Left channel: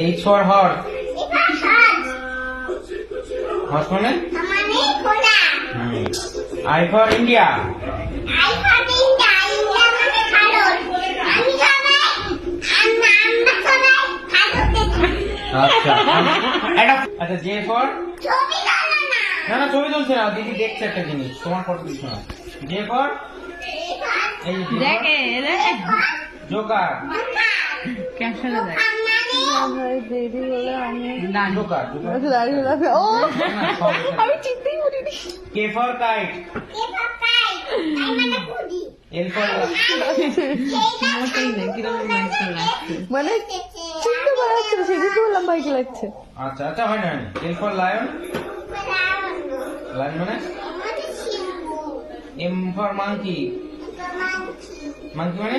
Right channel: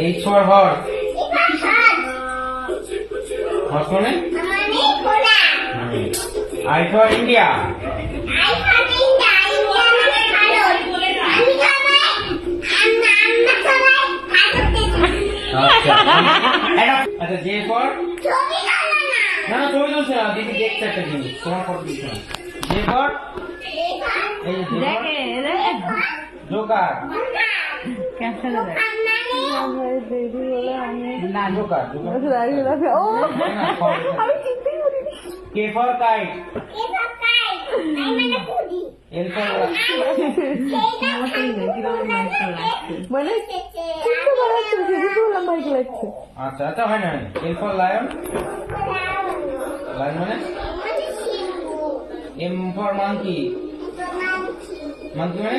H for horse. Horse মানে? I for India. আচ্ছা J for? না না ছবি তুলছে না, দিদি দেখছে একটা জিনিস, তোমার ফটো তুলছে না। J for? এই যে J for? Joker. Joker K for kite. L for মানে চিনতে পারছে সেদিকে লম্বাই লাগছে। আচ্ছা আচ্ছা হয় না। L for lion. লায়ন মানে? M for monkey. Monkey মানে?